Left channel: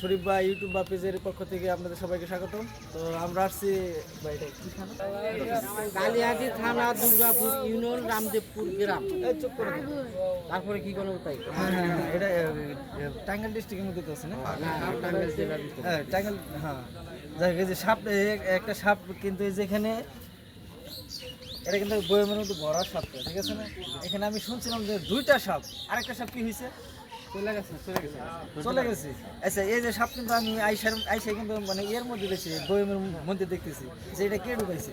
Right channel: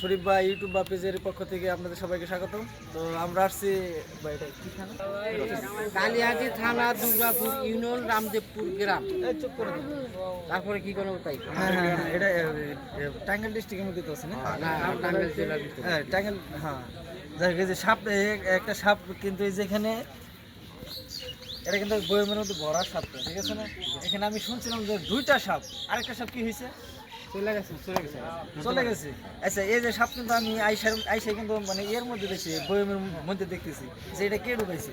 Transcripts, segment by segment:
শরীফ বা ইউটিউব বা পেজের পক্ষ থেকে আপনাদের সবাইকে স্বাগত তো আমরা আসছি কালিহাটি থানা? দুর্গাপুর ইউনিয়ন রামদেবপুর গ্রাম। চুপ করে তারপরে কি কোনো তাই হ্যাঁ হ্যাঁ হ্যাঁ, এটা টাঙ্গাইল ডিস্ট্রিক্টের মধ্যে তো আছে না? টাঙ্গাইল জেলার হ্যাঁ টাঙ্গাইল হ্যাঁ। যাক যে সাপ একটা সাপ কিন্তু এই যে এখানে এটা কিন্তু বইয়ের মধ্যে ভরা সাপটা ঠিক আছে না? এখানে আমি শুনছিলাম যে দুইটা সাপ আরেকটা সাপ কি হয়েছে? চলে গেছে আচ্ছা এই যে সাপ কিন্তু আমি আইসার আইসা কিন্তু মানে এর মধ্যে দেখছি বইয়ের মধ্যে দেখতেছি। যে এটা কে ঢুকাইছে?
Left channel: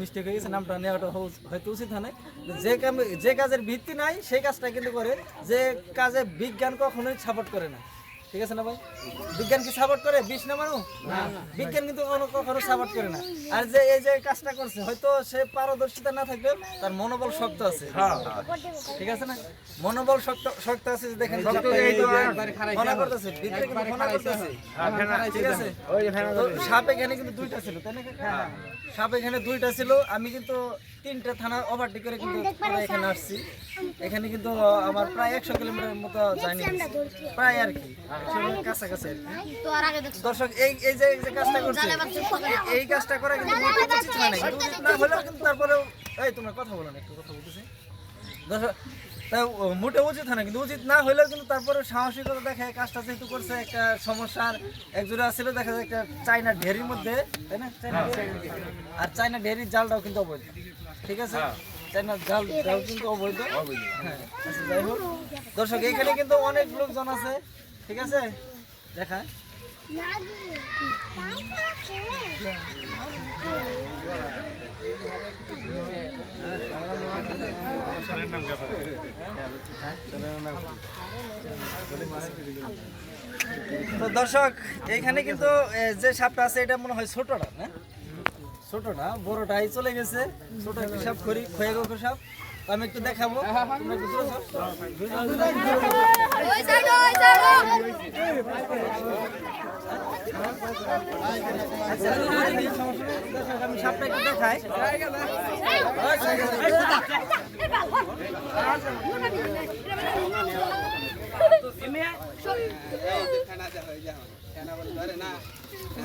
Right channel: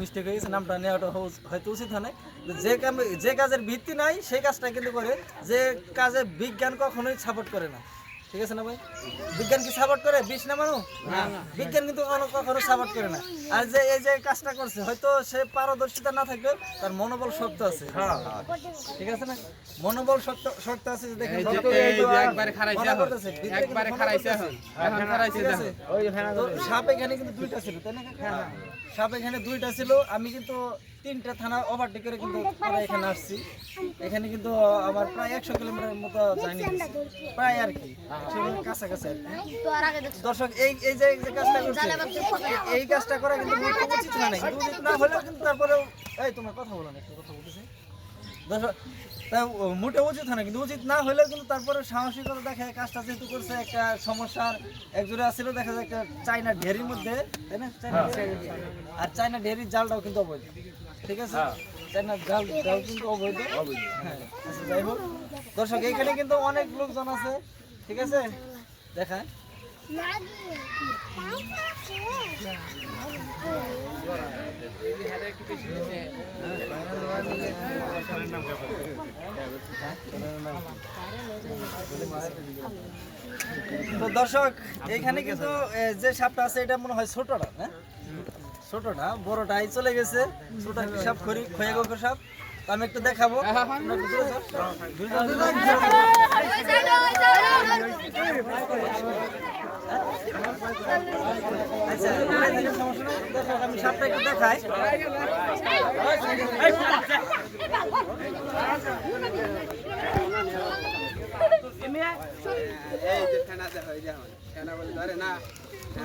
মিস্টেক হয়ে গেছে, নামটা নেওয়াটা হয়তো উচিত হয়। যে যে কাজের ভিত্তি নাই, সেই কাজটা কিন্তু করে যে কাজে বিজ্ঞান কখনোই সাপোর্ট করে না ঠিক আছে না ভাই? বিজ্ঞান কি সাপোর্ট করে? বিষ নামানো বিজ্ঞান কিন্তু কখনো সাপোর্ট করে না। আর যে এই যে কাজটা করছে হয়তো সে পারদর্শিতা না থাকলেও তার মনোবল শক্ত আছে। ঠিক আছে না? মনোবল শক্ত শক্ত আছে যে দেখেন আবার। করতেছে ফোনা খারাইছে ঠিক আছে? সাপ এখানে কিন্তু দুইটা ছিল তাই না? কাকা? সাপ এখানে দুইটা ছিল আমি কিন্তু তিনটা থানা ওভারটেক করে কিন্তু পরে এখানে আসছি। এখানে কিন্তু আমার প্রায় একশো কিলোমিটার মতো জার্নি প্রায় আর কি কাছাকাছি আর কি। দর্শক এই এই যে এই যে কাজটা করছে এই- কাজটা করা কিন্তু উচিত হয় না কিন্তু উচিত না হলেও কিন্তু তারপরেও এই তোমরা কথা বলো না একটু কথা বলতেছি। দর্শক তা মোটে উচিত হয় না কিন্তু উচিত না হলেও কিন্তু তারপরে সাহসিকতা দেখে কাজটা যেহেতু করছে একটা সমস্যার একজোড়া ছিল দেখা যায় একটা চাইনা ঢেরির মধ্যে তাই না? চাইনা আর চাইনা ঢেরির জালটাও কিন্তু অবৈধ। ঠিক আছে? চাইনা জাল জাল কিন্তু অবৈধ। হ্যাঁ আচ্ছা যাই হোক। দর্শক এখানে কিন্তু অনেক লোকজন আছে ঠিক আছে? দেখায়। তো দর্শক এইখানে কিন্তু যে সাপটা আছে এটা মনে হয় ছোটটা না? ছোটটা বড়টাই চলে গেছে। ছোট সাপ খড়ি খয়ে গো সাপ। আমি একটু দেখাবো। তোমরা। আচ্ছা আমি সাপটা একটু দেখাই। এ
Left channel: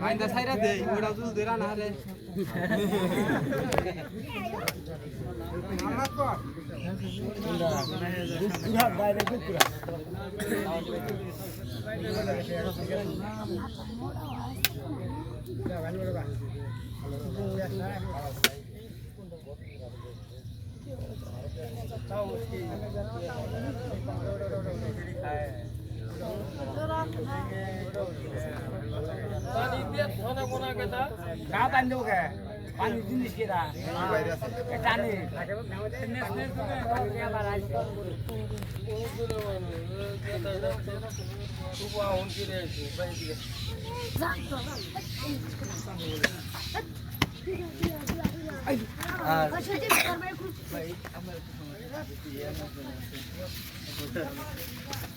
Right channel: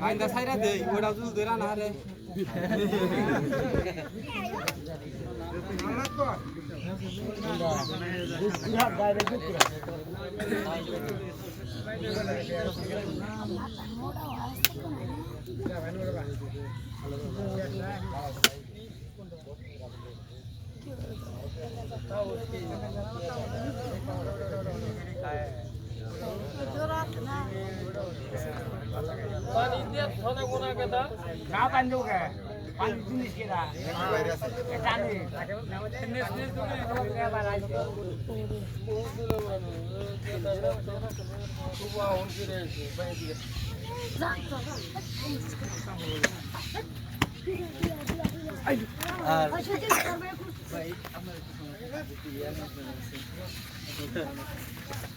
আইন্দা সাইরা দেই ওরা দুধ দেরা না রে না सात अंजू है?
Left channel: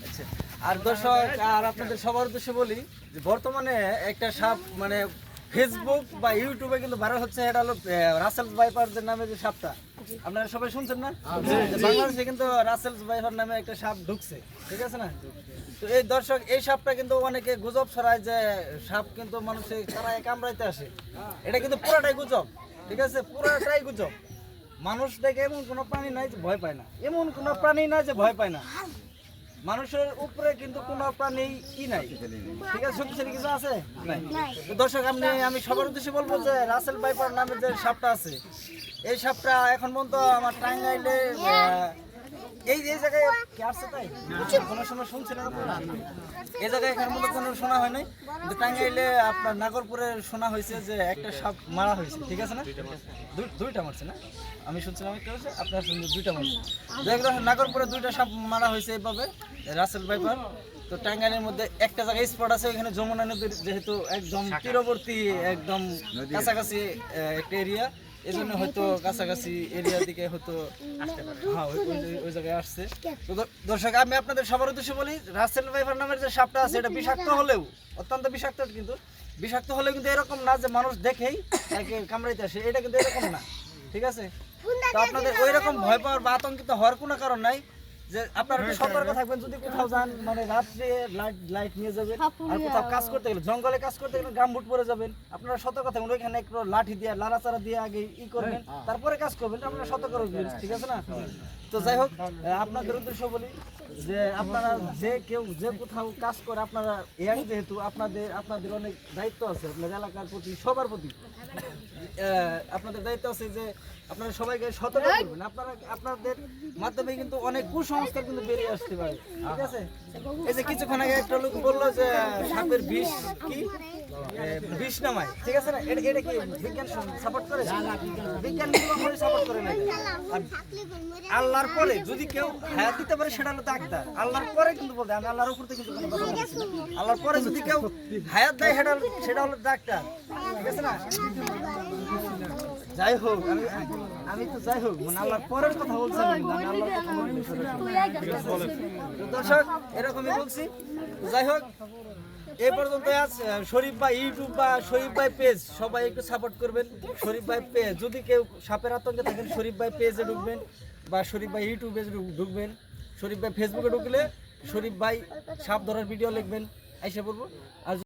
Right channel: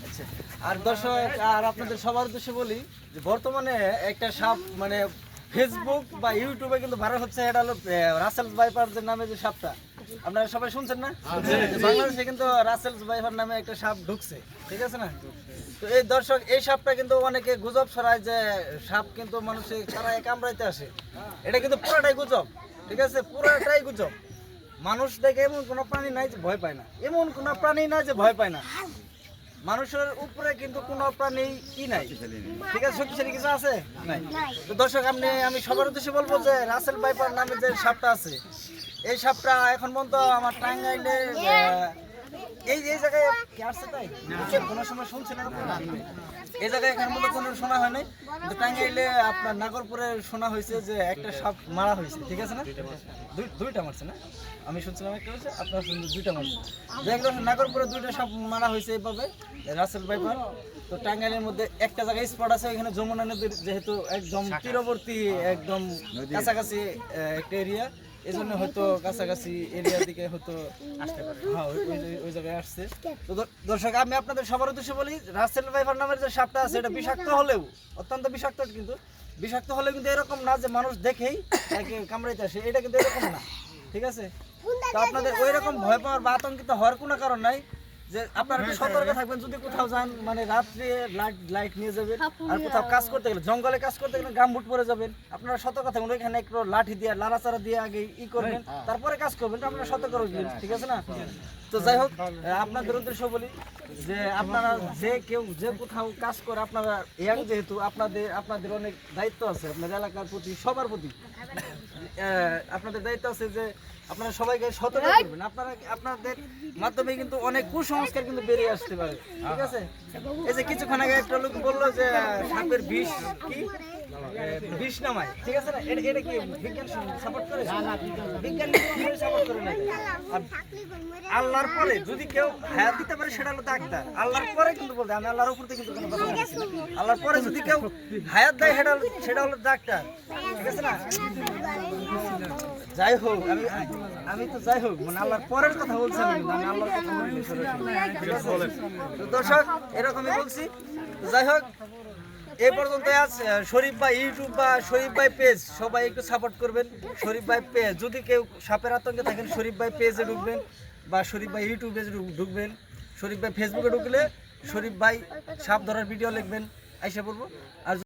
আচ্ছা, আর দর্শক আর আপনাদের সবার উদ্দেশ্যে বলি যে বর্তমানে একটা সাপ মানে ফেসবুক বা ইউটিউবে কিন্তু ভাইরাল হচ্ছে এটা হলো রাসেল ভাইপার যে নামে যে সাপটা। আপনারা সবাই শুনছেন না? বাংলাদেশে কিন্তু রাসেলস ভাইপার নামে একটা সাপ ঢুকছে ঠিক আছে না? তো এই দর্শক এই সাপটা কিন্তু অনেকে গুজব ছড়ায় যে সাপ কিন্তু মানুষে তারা কামড়াইতে আসে। এটা কিন্তু পুরোটাই গুজব ঠিক আছে? পুরোটাই গুজব। মানুষ দেখে এমন কোনো প্রাণী নাই যে ভয় পায় না। এমন কোনো প্রাণী নাই যে ভয় পায় না। মানুষের উপরে কিন্তু কোনো প্রাণী ই নাই। ঠিক আছে শক্তিশালী কিছু আছে? নাই। তো দর্শক আপনি আমি সবার উদ্দেশ্যে বলব যে রাসেল বাইপার নামে যে সাপটা আছে এই সাপটা এখন পর্যন্ত আমার টাঙ্গাইলে এই এই জায়গায় কি আসছে তাই? কোনো সময় শুনছিলেন আপনারা? এই জায়গায় এখন মতো কোনো শোনা হয় নাই? কিন্তু টাঙ্গাইলে আপনার নাগরপুরে শোনা হয়েছে যে একটা সাপ মারা হয়েছে, ঠিক আছে না? দুই- দুইটা মারছে না? আমি শুনছিলাম একটা হয়েছে, আপনারা শুনছেন দুইটা মারছে। দেখলাম নাগরপুরে দুইটা সাপ মারা হয়েছে এইভাবে, রাসেল বাইপার তো টাঙ্গাইলের মধ্যে একটা জায়গায় স্পট আছে ওখানে যমুনা নদীর যেহেতু একদম তীরবর্তী, একদম কাছাকাছি একটা এরিয়া এই জন্য হয়তো কাছাকাছি এরিয়া দিকে হয়তো হ্যাঁ ওই- জায়গায় আসছে। তো দর্শক আমি আপনাদের সবার উদ্দেশ্যে বলি রাসেল ভাইফার নামের যে সাপটা আছে এটা বিষাক্ত হলেও অত্যন্ত বিষাক্ত কিন্তু বিষাক্ত হলেও কিন্তু এরকম না যে মানুষ দেখেই তাকে কামড়াইতে আসে এটা কিন্তু এরকম না ঠিক আছে? তো আপনাদের ওই রকম ভয় পাওয়ার বা আতঙ্কিত হওয়ার কোনো কারণ নাই। যে আপনারা একটু সতর্ক থাকবেন যদি কোথাও যান মানে রাত্রে লাইট লাইট নিয়ে যাবেন আর কোথাও কাজ করতে গেলে জঙ্গলে কাজ করতে গেলে গামবুট পরে যাবেন। আপনারা সতর্ক থাকবেন ওইখানে একটু লাঠি দিয়ে লাড়াচাড়া দিয়ে আগে ই করবেন তারপরে কাজ করবেন আপনারা সতর্ক রাখবেন ঠিক আছে না? তো যাই হোক আপনাদের উদ্দেশ্য বলি যে আপনারা যে কেউ যে কোথাও কাজ করে আপনারা ইয়াং যেহেতু আপনাদের আপনাদের অনেক দায়িত্ব আছে আপনাদের এলাকার প্রতি সবার প্রতি। আপনাদের দায়িত্ব আছে যে আপনারা সবাইকে সতর্ক করবেন। আপনারা আপনাদের মাধ্যমে কিন্তু অনেক কুসংস্কার কিন্তু বেরিয়ে আসতে পারে ঠিক আছে? এই যে কিছুক্ষণ আগে একটা লোক বলল যে সাপের বিষ কি? বিষ নামায় ঠিক আছে না? এটা কি বিজ্ঞান সাপোর্ট করে বিজ্ঞান করে না আল্লাহর পরে যদি কেউ হায়াত দিতে পারে, সেটা হলো ডাক্তার আল্লাহর পরে কিন্তু বলতে আমি আল্লাহর উপর থেকে কিন্তু কোনো কথা বলছি আল্লাহর পরে যদি কেউ হায়াত দেয়, সেটা সেটা হলো ডাক্তার ঠিক আছে না? যাই হোক, আমি আমি তো যাই হোক মানে আল্লাহর পরের কথা বলছি আমি কিন্তু আল্লাহর কথা? তো দর্শক, এরকমই বলছি। যাই হোক এই পর্যন্ত আজ শরীফ ভাই ইউটিউব বা শরীফ ভাই পেজ সবাই একটু সাপোর্ট করবেন। শরীফ ভাই পেজ যদি কেউ সাপের আতঙ্কে থাকেন, শরীফ ভাই পেজে ঢুকবেন বা শরীফ ভাই ইউটিউবে ঢুক- ঢুকবেন। শরীফ ভাই ফেসবুকে ঢুকলে শরীফ ভাই সাপ ধরার ভিডিও লিখবেন। আইসা পড়ব। আর